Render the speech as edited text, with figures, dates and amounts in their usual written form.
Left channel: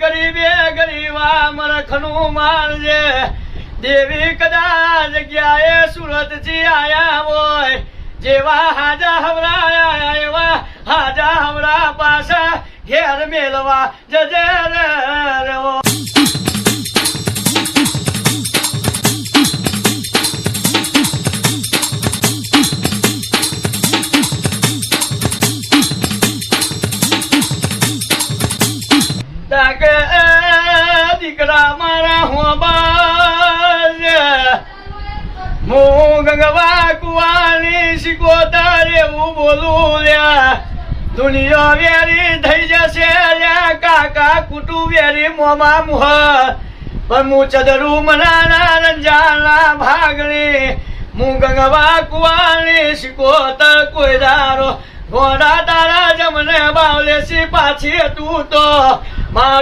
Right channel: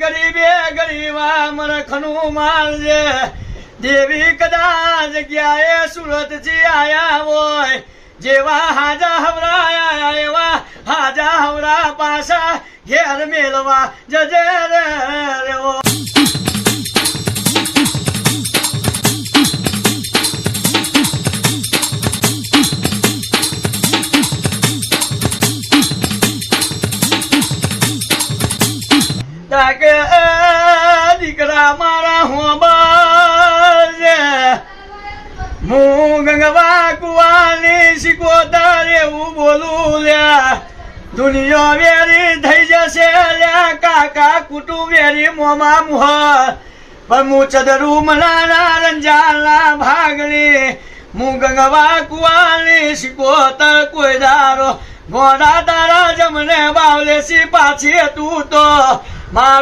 ગરીબે ગરીબા મરખનું મારજે દેવી કદાચ જગ્યાએ સુરત થી આયા હોય જેવા હાજા હવરાયા એવા હાજા હવરા પાછા ઘેર મેલવા જજે રે ઓ તાકે દીકરા મારા હોબા હું ગંગવા કુવાની શીખોતા એવું બોલું લ્યા દુનિયા વેરી થઈ જશે લ્યા કાકા કુટુ વેરી મોમા મુહ પણ હું ચદરું મનાના રંજાના ભાગણી હું ગંગવા કુવાની શીખોતા કોઈ દારો ઘોડા તારા જમને બાવલેસી પાછી તું તો મારું